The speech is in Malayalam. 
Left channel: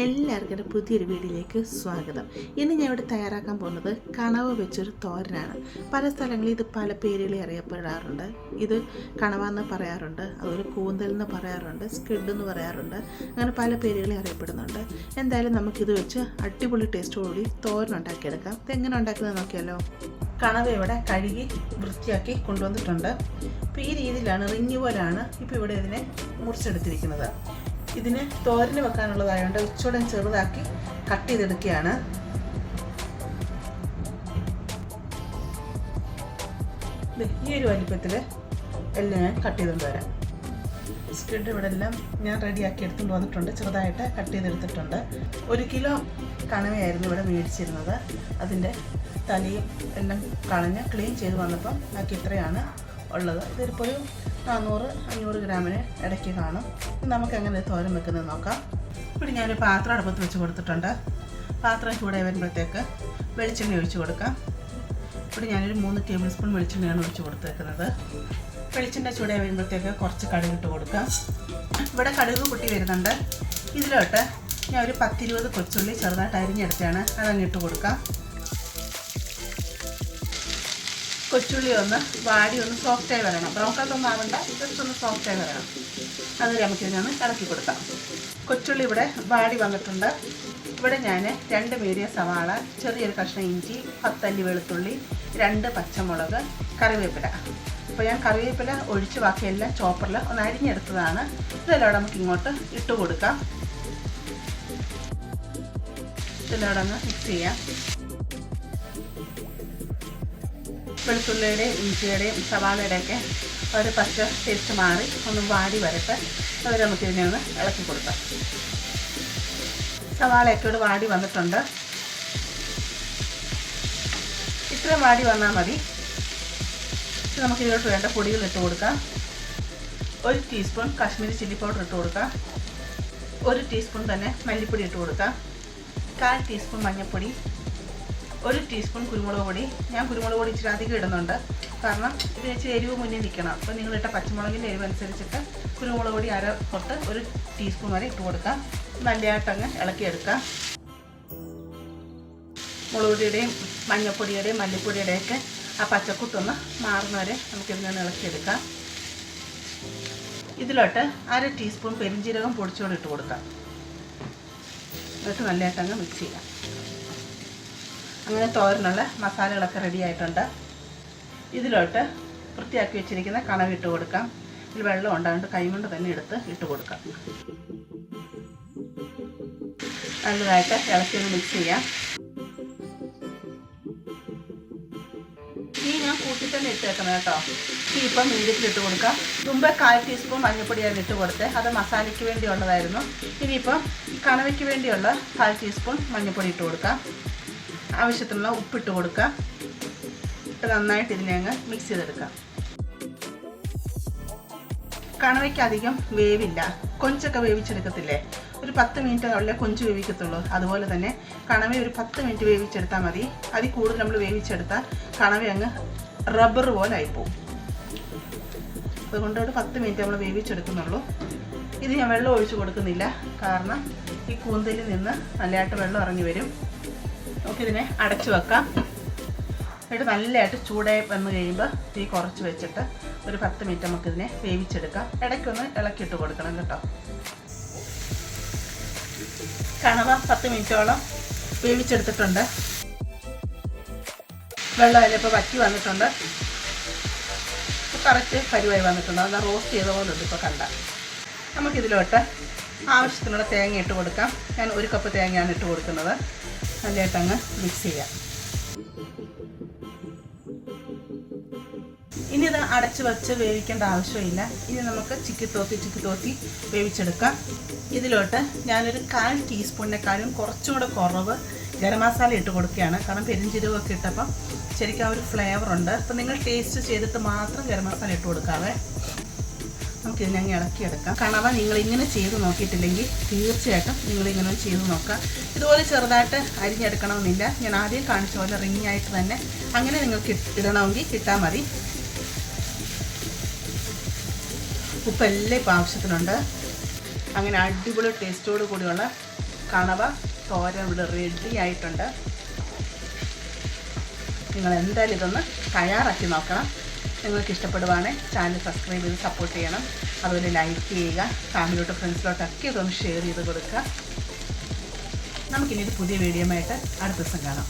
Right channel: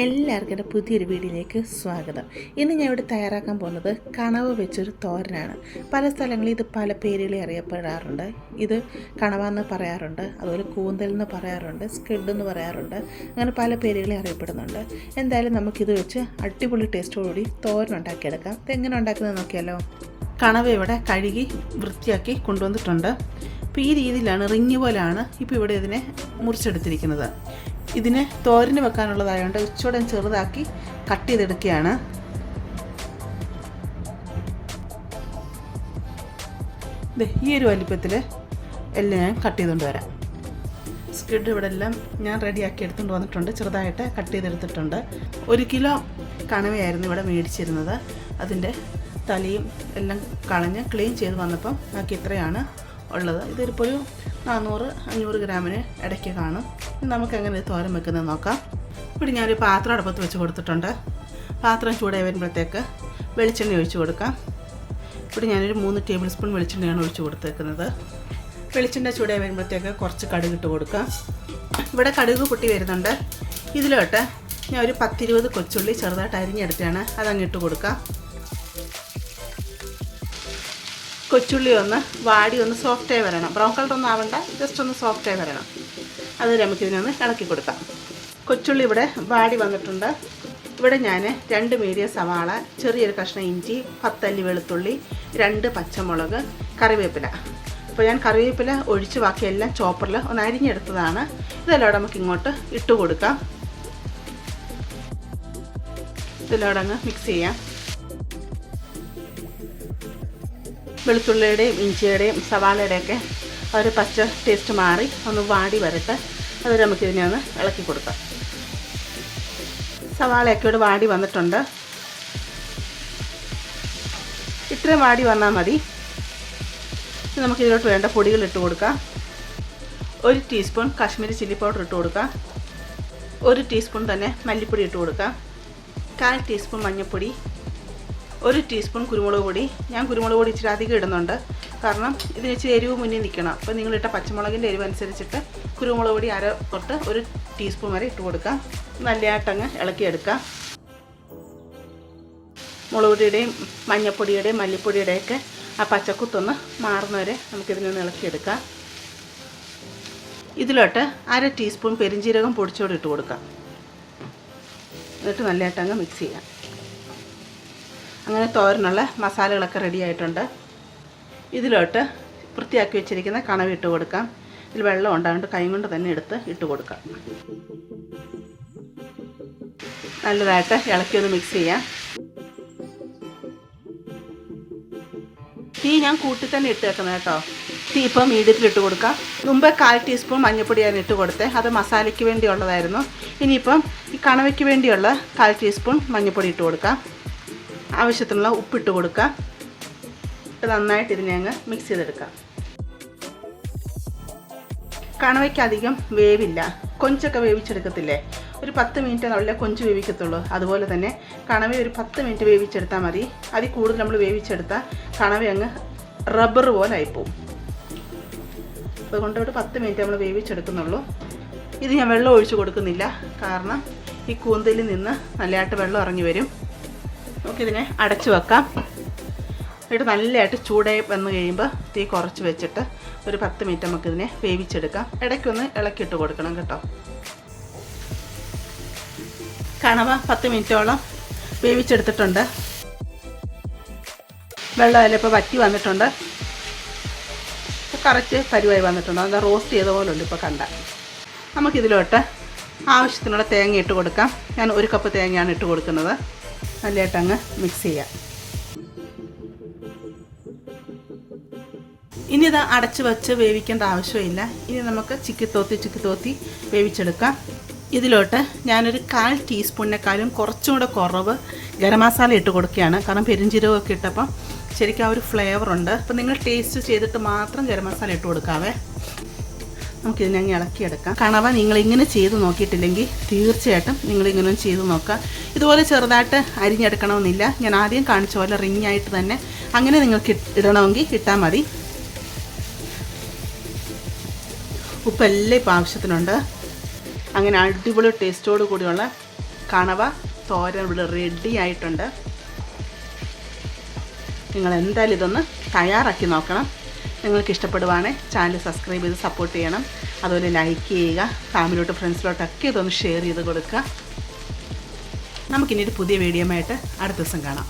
എല്ലാവർക്കും എന്റെ പുതിയൊരു വീഡിയോയിലേക്ക് സ്വാഗതം. ഇന്ന് ഞാൻ ഇവിടെ തയ്യാറാക്കാൻ പോകുന്നത് കണവ് വെച്ചൊരു തോരനാണ്. പല സ്ഥലങ്ങളിൽ ഇത് പല പേരുകളിൽ അറിയപ്പെടാറുണ്ട്. ഇത് കണവ എന്ന് പറയാറുണ്ട് അതുപോലെ കൂന്തൽ എന്ന് പറയാറുണ്ട് സ്കിഡ് എന്ന് പറയാറുണ്ട് അങ്ങനെ പല പേരുകളിൽ അറിയപ്പെടുന്നുണ്ട്. എന്തായാലും നമുക്കിത് വെച്ച് അടിപൊളി ടേസ്റ്റോടുകൂടി തോരൻ ഉണ്ടാക്കിയെടുക്കാം. ഇതെങ്ങനെ ഉണ്ടാക്കുന്നത് നോക്കിയാലോ? കണവ ഇവിടെ കഴുകി വൃത്തിയാക്കി കൊണ്ടുവന്നിട്ടുണ്ട്. അപ്പോൾ ഈ രീതിയിലാണ് റിങ്ങി പോലെയാണ് ഇപ്പോൾ ഇവിടെ ഇതിനെ മുറിച്ചെടുത്തിരിക്കുന്നത്. ഇതിന് തോരന് വെക്കാനുള്ളതായതുകൊണ്ട് ഉച്ചയോടെ ചെറുതാക്കി കട്ട് ചെയ്തെടുക്കുകയാണ്. ഈ ഒരു വലിപ്പത്തിൽ എല്ലാം ഞാൻ കട്ട് ചെയ്തുകൊണ്ട് വരാം. സ്കിഡ് ഇവിടെ എല്ലാം ഞാൻ റെഡിയാക്കി എടുത്തുകൊണ്ട് വന്നിട്ടുണ്ട്. ചെറുതായിട്ട് കട്ട് ചെയ്തെടുത്തിട്ടുണ്ട്. ഒരു കിലോ കണവയായിരുന്നു ഇവിടെ മേടിച്ചിരുന്നത്. അതിന്റെ തലയും എല്ലാം കളഞ്ഞ് ക്ലീൻ ചെയ്ത് വന്നപ്പം നമുക്ക് ഇത്രയാണ്. ഉള്ളത്. ഇതിപ്പോൾ ഒരു നാനൂറ് അഞ്ഞൂറ് ഗ്രാമിന് ഇടയ്ക്ക് കാണും. നമുക്ക് എങ്ങനെ തോരൻ വെക്കുന്നത് നോക്കാം. ഇവിടെ ഞാനൊരു പാത്രം അടുപ്പത്ത് വെച്ച് കൊടുത്തിട്ടുണ്ട്. പാത്രം ചൂടായി വരുമ്പോഴത്തേക്ക് വെളിച്ചെണ്ണ ഒഴിച്ച് കൊടുക്കാം. ഇവിടെ ഞാനൊരു മൂന്ന് ടേബിൾ സ്പൂൺ വെളിച്ചെണ്ണയാണ് ഒഴിച്ച് കൊടുത്തേക്കുന്നത്. വെളിച്ചെണ്ണ ചൂടായി വരുമ്പോഴത്തേക്ക് കുറച്ച് കടുക് ഇട്ട് കൊടുക്കാം. ഇവിടെ കടുക് പൊട്ടി വരുന്നുണ്ട്. ഇതിലോട്ട് ഞാൻ ഒരു പത്തിരുപത് കൊച്ചുള്ളി ചെറുതായിട്ട് അരിഞ്ഞെടുത്താണ് അതങ്ങ് ഇട്ട് കൊടുക്കാം. കൊച്ചുള്ളി ഒന്ന് വാടി ഒന്ന് സോഫ്റ്റായി വരണം. ബ്രൗൺ കളർ ഒന്നും ആവണ്ട ജസ്റ്റ് ഒന്ന് സോഫ്റ്റായി വരണം. അത് നമുക്കിതിനൊന്ന് ഇളക്കി കൊടുക്കാം. കൊച്ചുള്ളി ഇവിടെ വാടി വന്നിട്ടുണ്ട്. ഇവിടെ ഞാൻ രണ്ട് മീഡിയം സവാള ചെറിയൊരു കഷ്ണം ഇഞ്ചി പത്തല്ലി വെളുത്തുള്ളി രണ്ട് പച്ചമുളക് കറിവേപ്പില. അപ്പോൾ ഞാൻ കറിവേപ്പില ഒഴിച്ച് ബാക്കിയെല്ലാം ചോപ്പറിൽ ഒന്ന് അരിഞ്ഞെടുത്തതാണ്. ഇതെല്ലാം നമുക്ക് ഇങ്ങോട്ട് ഇട്ട് കൊടുക്കാം. ഇതെല്ലാം അങ്ങ് മിക്സ് ചെയ്യാം. വെളുത്തുള്ളിയുടെയും ഇഞ്ചിയുടെയും സവാളയുടെയൊക്കെ ഒരു പച്ച ടേസ്റ്റ് മാറി ഒന്ന് വാടി വരട്ടെ. അത് നമുക്ക് ഇതിനെ ഒന്ന് ഇളക്കി കൊടുക്കാം. സവാളയൊക്കെ ഇവിടെ വാടി വന്നിട്ടുണ്ട്. ഇത്രയും വാടി വന്നാൽ മതി. നമുക്കിതിലോട്ട് വേണ്ട പൊടികൾ ഇട്ട് കൊടുക്കാം. ഒരു ടീസ്പൂൺ കാശ്മീരി ചില്ലി പൗഡർ ഇട്ട് കൊടുക്കാം. ഒരു ടീസ്പൂൺ തന്നെ മല്ലിപ്പൊടി ഇട്ട് കൊടുക്കാം. കാൽ ടീസ്പൂൺ മഞ്ഞൾപ്പൊടി. ഒരു ടീസ്പൂൺ കുരുമുളക് പൊടി. ഞാൻ കുരുമുളക് പൊടി ഇച്ചിരി അധികം ഇടുന്നുണ്ട്. കാരണം ഇത് ഇച്ചിരി എരിവ് മുന്നിൽ നിൽക്കണം. അപ്പോൾ നിങ്ങളിട്ട പച്ചമുളകിന്റെ എരിവ് അനുസരിച്ചിട്ട് കുരുമുളക് പൊടി അര തൊട്ട് ഒരു ടീസ്പൂൺ വരെ ഇട്ട് കൊടുക്കാം നല്ലതായിട്ടങ്ങ് ഇളക്കിയെടുക്കാം മുളക് പൊടിയുടെയും മഞ്ഞൾപ്പൊടിയുടെയും മല്ലിപ്പൊടിയുടെയൊക്കെ ആ പച്ചക്കുത്തൊന്ന് മാറുന്നവരെ നമുക്കിതിൽ നിന്ന് ഇളക്കിയെടുക്കാം ഇതിലോട്ട് അര ടീസ്പൂൺ പെരിഞ്ജീരകം പൊടിച്ചോട് ഇട്ട് കൊടുക്കാം എന്നിട്ട് നല്ലതായിട്ടങ്ങ് മിക്സ് ചെയ്യാം അങ്ങനെ തോരനുള്ള മസാലകളൊക്കെ റെഡി ആയിട്ടുണ്ട്. ഇതിലോട്ട് വൃത്തിയാക്കി വെച്ചിരിക്കുന്ന കണവ് ഇട്ട് കൊടുക്കാം. ഇതിൽ വെള്ളം ഉണ്ടാകൊണ്ട് കൈ കൊണ്ട് തന്നെ എടുത്ത് ഇട്ട് കൊടുക്കാം. നല്ലതായിട്ട് ഇളക്കി ഒന്ന് മിക്സ് ചെയ്യാം. തീ ഞാൻ കൂട്ടി തന്നെ ഇട്ട് വെക്കുന്നത് കേട്ടോ. തീ ഇപ്പോൾ മീഡിയത്തിൽ ഇട്ട് കൊടുക്കാം. മുമ്പ് കാൽ ടീസ്പൂൺ മഞ്ഞൾപ്പൊടിയാണ് ഇട്ട് കൊടുത്തത് അത് മസാലയ്ക്ക് വേണ്ടിയുള്ളതായിരുന്നു. ഇനിയിപ്പം കണവയ്ക്ക് വേണ്ടിയുള്ള കാൽ ടീസ്പൂൺ മഞ്ഞൾപ്പൊടി ഇട്ട് കൊടുക്കാം. ആവശ്യത്തിനുള്ള ഉപ്പിട്ട് കൊടുക്കുക. ഇട്ട് നന്നായിട്ട് ഇതിനെ അങ്ങ് മിക്സ് ചെയ്തെടുക്കാം കണവയ്ക്ക് അധികം വേവില്ല. കൊഞ്ചൊക്കെ വേവിച്ചെടുക്കത്തില്ലേ? ഒരു പത്ത് മിനിറ്റ് നമ്മളെ കൊഞ്ച് വേവിക്കത്തുള്ളൂ. അതുപോലെ തന്നെ കണവ ഒരു പത്ത് മിനിറ്റ് വേവിച്ചെടുത്താൽ മതി. അതിൽ കൂടുതൽ നമ്മൾ വേവിച്ചെടുത്താൽ കണവ അങ്ങ് റബ്ബർ പോലെ ആയിപ്പോവും. അതുകൊണ്ട് ഒരു പത്ത് മിനിറ്റ് നമ്മൾ വേവിച്ചെടുക്കുന്നുള്ളൂ. ഇത് ഞാൻ വെള്ളം ഒഴിച്ചു കൊടുക്കുന്നില്ല. കാരണം ഈ കൂന്തലിൽ നിന്ന് നല്ലതായിട്ട് വെള്ളം ഇറങ്ങി വരും. നമുക്കിതിനെ അടച്ചു വെക്കാം. എന്നിട്ട് നല്ലതായിട്ട് ചൂടായി വന്ന് കഴിയുമ്പോൾ തീ കുറച്ച് വെച്ചിട്ട് ഒരു പത്ത് മിനിറ്റ് നമുക്കിതിനെ വേവിച്ചെടുക്കാം. ഇടയ്ക്കൊന്ന് ഇളക്കിയിട്ട് കൊടുക്കണം കേട്ടോ. കണവ പത്ത് മിനിറ്റോളം വേവിച്ചെടുത്തിട്ടുണ്ട്. വെള്ളം അതിലിപ്പോൾ വറ്റി വന്നിട്ടുണ്ട്. കറക്റ്റ് കരുവായി വന്നിട്ടുണ്ട്. അത് റോസ്റ്റ് ചെയ്ത പോലെ ഉണ്ട് ഇപ്പോൾ കണ്ട. നമുക്കിതിലോട്ട് ആവശ്യത്തിനുള്ള തേങ്ങ ഇട്ട് കൊടുക്കാം. ഞാൻ ഒരു കപ്പ് തേങ്ങയാണ് ഇട്ട് കൊടുക്കുന്നത്. നല്ലതായിട്ട് അങ്ങ് മിക്സ് ചെയ്യാം. ഇനി ഇത് അടച്ചു വെച്ച് വേവിക്കേണ്ട ആവശ്യമില്ല. ഇനി നമുക്ക് ചിക്കി തോത്തി ചിക്കി തോത്തി വേവിച്ചെടുക്കാം. ഇതിലോട്ട് ഞാനൊരു കാൽ ടീസ്പൂണിനെക്കാളും കുറച്ചും കൂടെ കുറവ് ഗരം മസാല ഇട്ട് കൊടുക്കുകയാണ്. കാരണം പെരിഞ്ചീരകമൊക്കെ ഇട്ടപ്പം ശരിക്കും ആ ഒരു ഫ്ലേവറുണ്ട് അപ്പം നിങ്ങൾ ടേസ്റ്റ് ചെയ്തിട്ട് മാത്രം ഗരം മസാല ഇട്ട് കൊടുക്കാവേ. നമുക്കിതിനെ അങ്ങ് ഇളക്കിയെടുക്കാം. കണവ നിങ്ങൾ ഇങ്ങനെ ചെയ്ത് നോക്കിയിട്ടില്ലെങ്കിൽ തീർച്ചയായിട്ടും നിങ്ങളിങ്ങനെ ചെയ്ത് നോക്കാം ഇതുപോലെ ചെറുതായിട്ട് അരിഞ്ഞെടുക്കണമെന്നില്ല. ഞാൻ ആദ്യം കാണിച്ച പോലെ റിങ് ആയിട്ട് തന്നെ അങ്ങനെ നിങ്ങൾക്ക് ഇടണമെങ്കിൽ ഇട്ടാൽ മതി. ഉപ്പെല്ലാം ഇപ്പം ആവശ്യത്തിനുണ്ട്. അങ്ങനെ അടിപൊളി ടേസ്റ്റോട് കൂടിയുള്ള കണവ തോരൻ ഇവിടെ റെഡി ആയിട്ടുണ്ട്. നിങ്ങൾ എന്തായാലും ഇതൊന്ന് തയ്യാറാക്കി നോക്കണം. നിങ്ങൾക്ക് ഇഷ്ടപ്പെടുവാണേ ചാനൽ സബ്സ്ക്രൈബ് ചെയ്ത് സപ്പോർട്ട് ചെയ്യണം. അതുപോലെ ലൈക്ക് ചെയ്യുക ഫാമിലിയോട്ട് ഫ്രണ്ട്സിലോട്ടൊക്കെ ഇതൊന്ന് ഷെയർ ചെയ്ത് കൊടുക്കുക. നമുക്കിനി ഒരു പുതിയ വീഡിയോ ആയിട്ട് അടുത്ത ദിവസം കാണാം.